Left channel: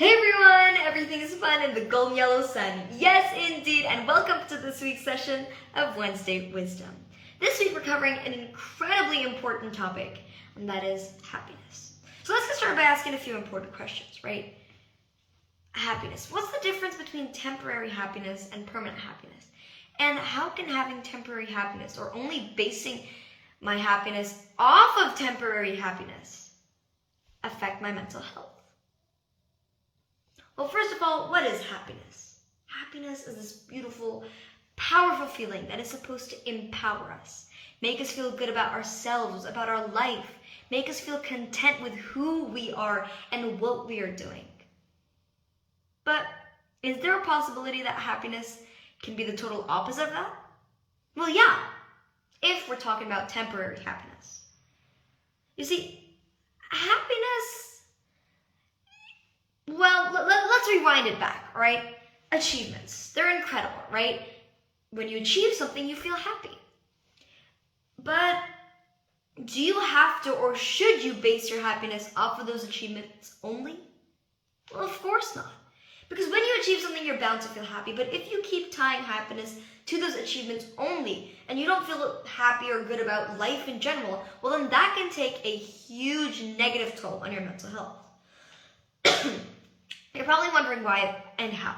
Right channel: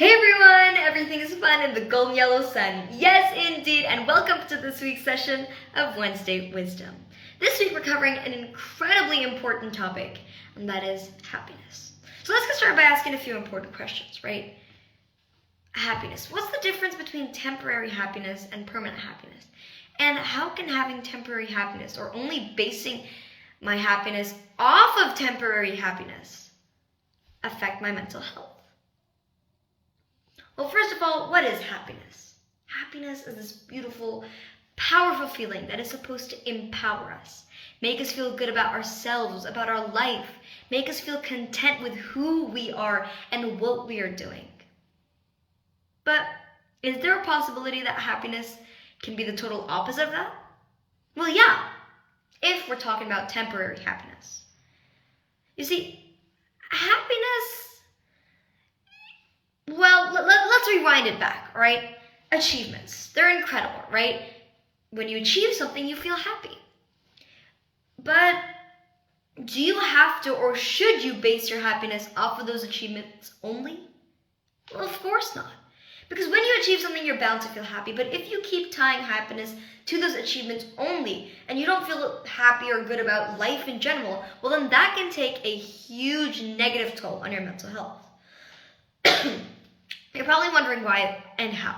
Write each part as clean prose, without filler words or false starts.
Hey everyone, everything is fun in the golden yellow sun. Yes, indeed, and welcome to this week's session of Wednesday Wisdom. This week we're covering an incredibly important topic, and that is happiness. So let's get started by asking a few important questions, right? Happiness. What's the difference between temporary happiness and permanent happiness? And how can having temporary happiness, or only basing my happiness off of temporary happiness, affect my mental health? Well, first of all, what is happiness? Happiness is this beautiful, powerful feeling that is supposed to empower us, make us feel good about ourselves, about our life, make us feel content with who we are and what we are doing. But is there a possibility that happiness can be the total opposite of that? Well, yeah, if we're talking about temporary happiness. You see, happiness, well, let's rewind it back, all right? Achievements, they're incredible, right? When you achieve something, you feel happy. But do you have to, or should you base your happiness off of those achievements only? Well, of course not. Because when you achieve something, you're bound to feel happy. But if you keep tying happiness to those achievements only, and you don't feel happy or good about life in general, well, then that can take a huge negative toll on your mental health. You're probably wondering why and how.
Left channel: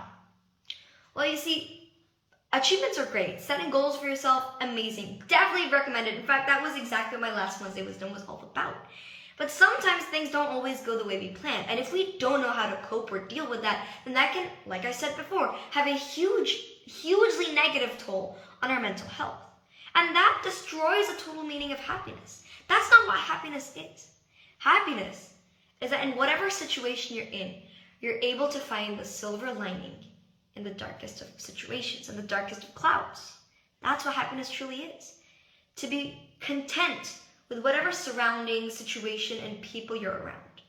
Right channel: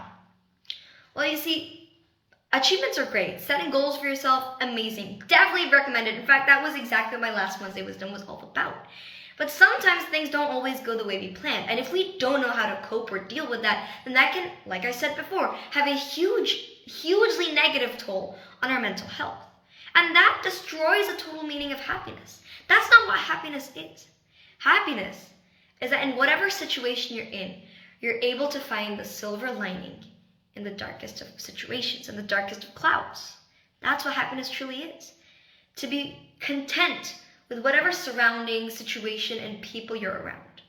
Well, you see, achievements are great. Setting goals for yourself, amazing. Definitely recommended. In fact, that was exactly what my last Wednesday Wisdom was all about. But sometimes things don't always go the way we planned. And if we don't know how to cope or deal with that, then that can, like I said before, have a hugely negative toll on our mental health. And that destroys the total meaning of happiness. That's not what happiness is. Happiness is that in whatever situation you're in, you're able to find the silver lining in the darkest of situations, in the darkest of clouds. That's what happiness truly is. To be content with whatever surrounding situation and people you're around.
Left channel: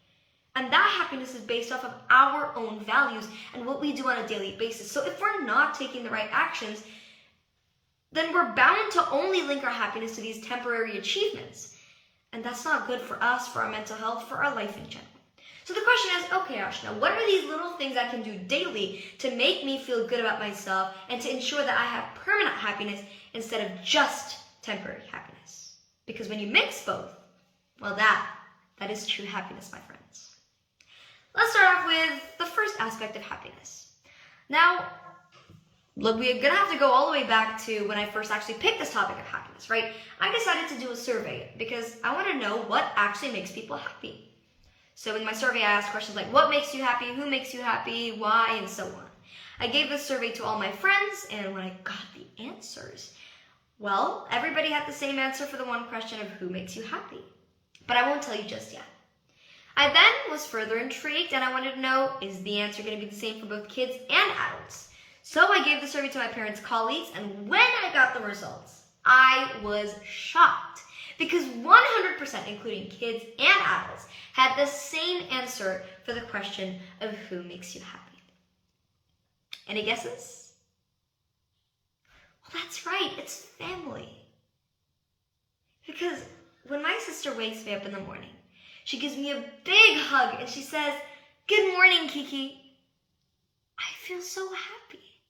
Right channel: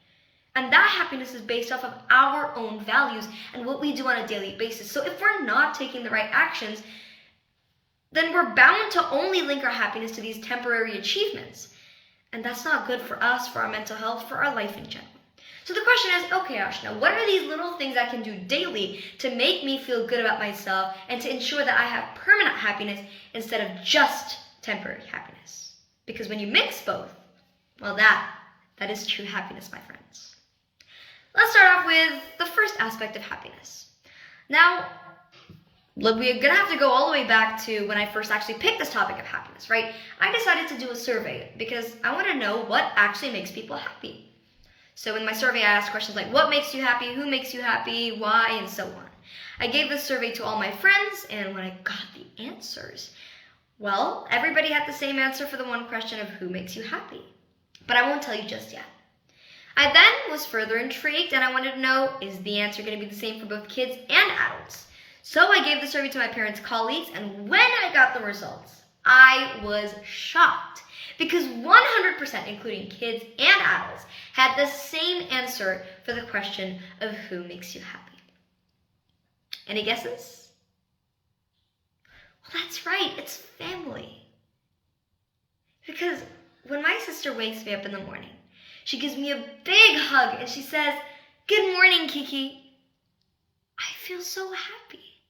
And that happiness is based off of our own values and what we do on a daily basis. So if we're not taking the right actions, then we're bound to only link our happiness to these temporary achievements. And that's not good for us, for our mental health, for our life in general. So the question is, okay, Aashna, what are these little things I can do daily to make me feel good about myself and to ensure that I have permanent happiness instead of just temporary happiness? Because when you mix both, well, that is true happiness, my friends. Let's start off with the first aspect of happiness. Now, look, we're gonna have to go all the way back to when I first actually picked this topic of happiness, right? I decided to do a survey because I want to know what actually makes people happy. So in my survey, I asked questions like, what makes you happy, who makes you happy, why, and so on. I gave this survey to all my friends, and when I got the answers, well, everybody had the same answer for the one question of who makes you happy. But I won't tell you just yet. I then was further intrigued, and I wanted to know, is the answer going to be the same for both kids and adults? So I gave the survey to my parents' colleagues, and when I got the results, I was shocked. Because 100%, including kids and adults, had the same answer for the question of who makes you happy. Any guesses? Well, that's right, it's family. Because when my sister wakes me up in the morning, she gives me a big hug and she says, "Good morning, Kiki." I feel so happy.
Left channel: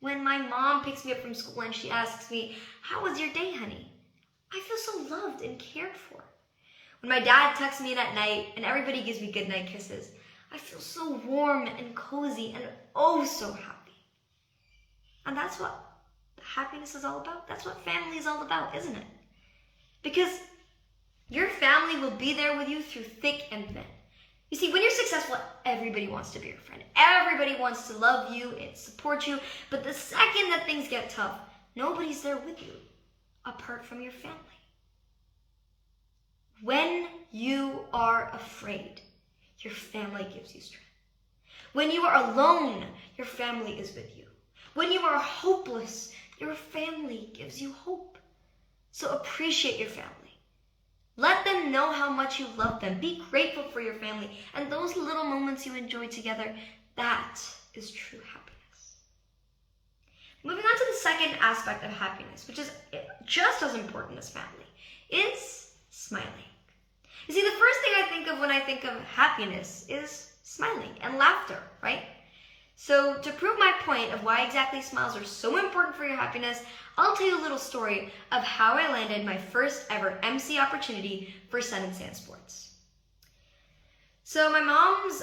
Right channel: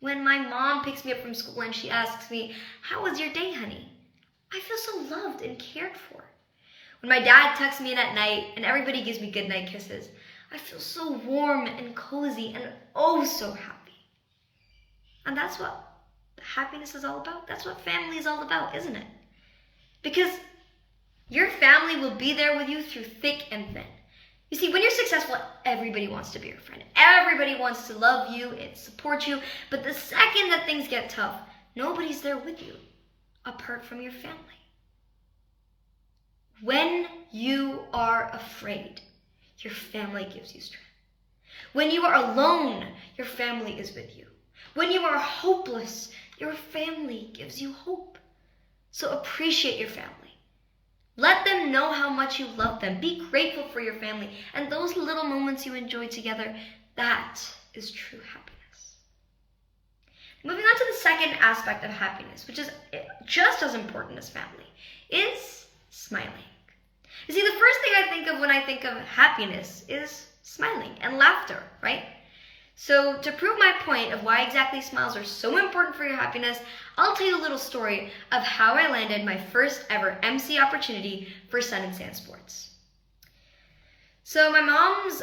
When my mom picks me up from school and she asks me, "How was your day, honey?" I feel so loved and cared for. When my dad tucks me in at night and everybody gives me goodnight kisses, I feel so warm and cozy and oh so happy. And that's what happiness is all about. That's what family is all about, isn't it? Because your family will be there with you through thick and thin. You see, when you're successful, everybody wants to be your friend. Everybody wants to love you and support you. But the second that things get tough, nobody's there with you apart from your family. When you are afraid, your family gives you strength. When you are alone, your family is with you. When you are hopeless, your family gives you hope. So appreciate your family. Let them know how much you love them. Be grateful for your family. And those little moments you enjoy together, that is true happiness. Moving on to the second aspect of happiness, which is just as important as family, is smiling. You see, the first thing I think of when I think of happiness is smiling and laughter, right? So to prove my point of why exactly smiles are so important for your happiness, I'll tell you a little story of how I landed my first ever MC opportunity for Sun and Sand Sports. So my mom's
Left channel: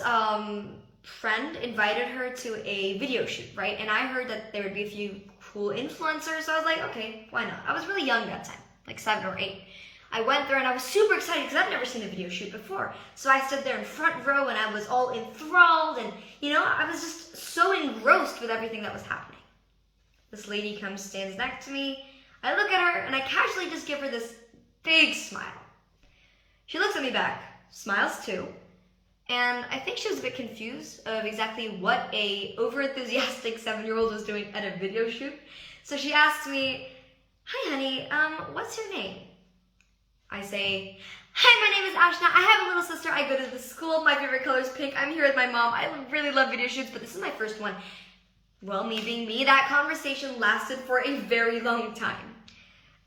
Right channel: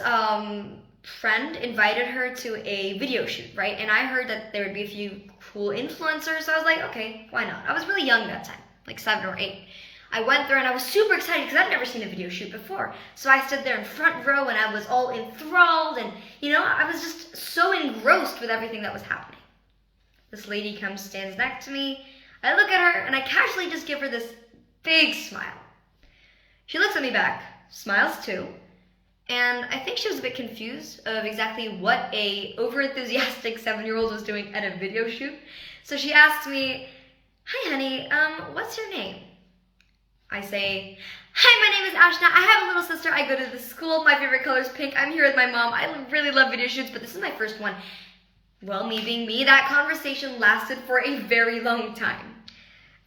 friend invited her to a video shoot, right? And I heard that there would be a few cool influencers, so I was like, okay, why not? I was really young that time, like 7 or 8. I went there and I was super excited because I'd never seen a video shoot before. So I stood there in front row and I was all enthralled and, I was just so engrossed with everything that was happening. This lady comes, stands next to me. I look at her and I casually just give her this big smile. She looks at me back, smiles too, and I think she was a bit confused of exactly what a overenthusiastic 7-year-old was doing at a video shoot. So she asks me, "Hi honey, what's your name?" I say, "Hi, my name is Aashna. I have a little sister. I go to the school. My favorite color is pink. I'm here with my mom. I really love video shoots, but this is my first one." Well, me being me, that conversation lasted for a very long time.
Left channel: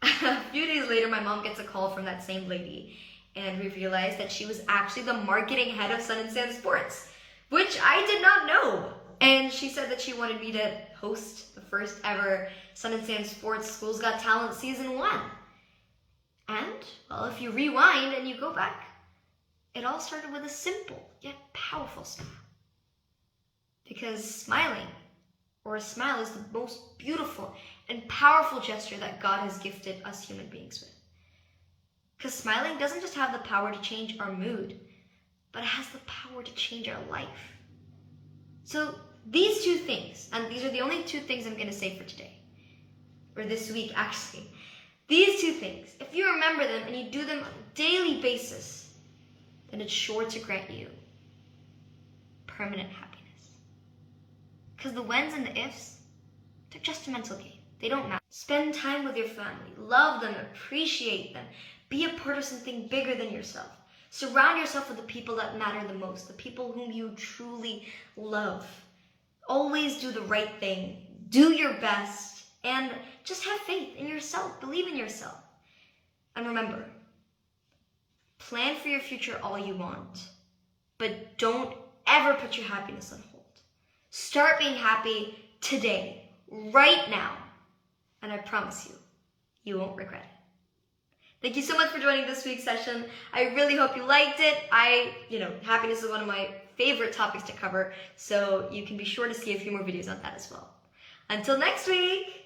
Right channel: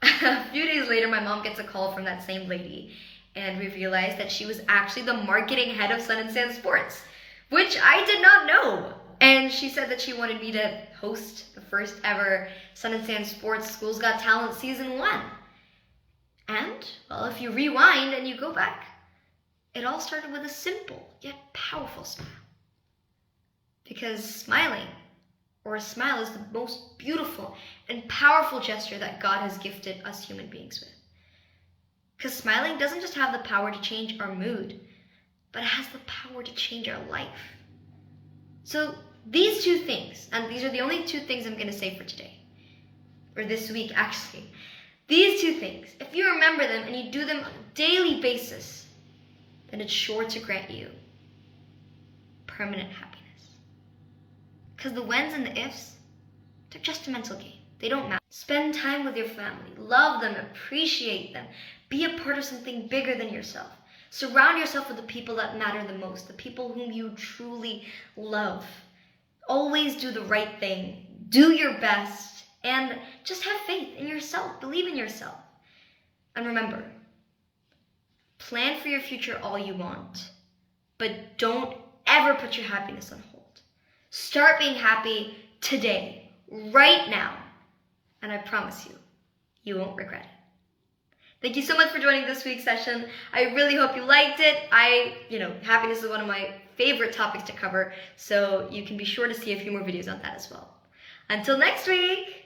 A few days later, my mom gets a call from that same lady, and we realized that she was actually the marketing head of Sun and Sand Sports, which I did not know. And she said that she wanted me to host the first ever Sun and Sand Sports Schools Got Talent Season 1. And, well, if you rewind and you go back, it all started with a simple yet powerful smile. Because smiling, or a smile, is the most beautiful and powerful gesture that God has gifted us human beings with. Because smiling doesn't just have the power to change our mood, but it has the power to change our life. So these 2 things, and these are the only 2 things I'm going to say for today, or this week actually. These 2 things, if you remember them and you do them on a daily basis, then it's sure to grant you permanent happiness. Because the whens and the ifs, they're just a mental game. They don't matter. Spend time with your family. Love them. Appreciate them. Be a part of something bigger than yourself. Surround yourself with the people that matter the most, the people whom you truly love. Always do the right thing. Do your best. And just have faith in yourself. Believe in yourself. And remember, plan for your future all you want, but don't ever put your happiness on hold. Start being happy today, right now. And I promise you, you won't regret it. Thank you so much for joining this week's session. I really hope you liked it. Happiness is one of my favorite topics to cover, so you can be sure to see a few more videos on that as well. Until next week!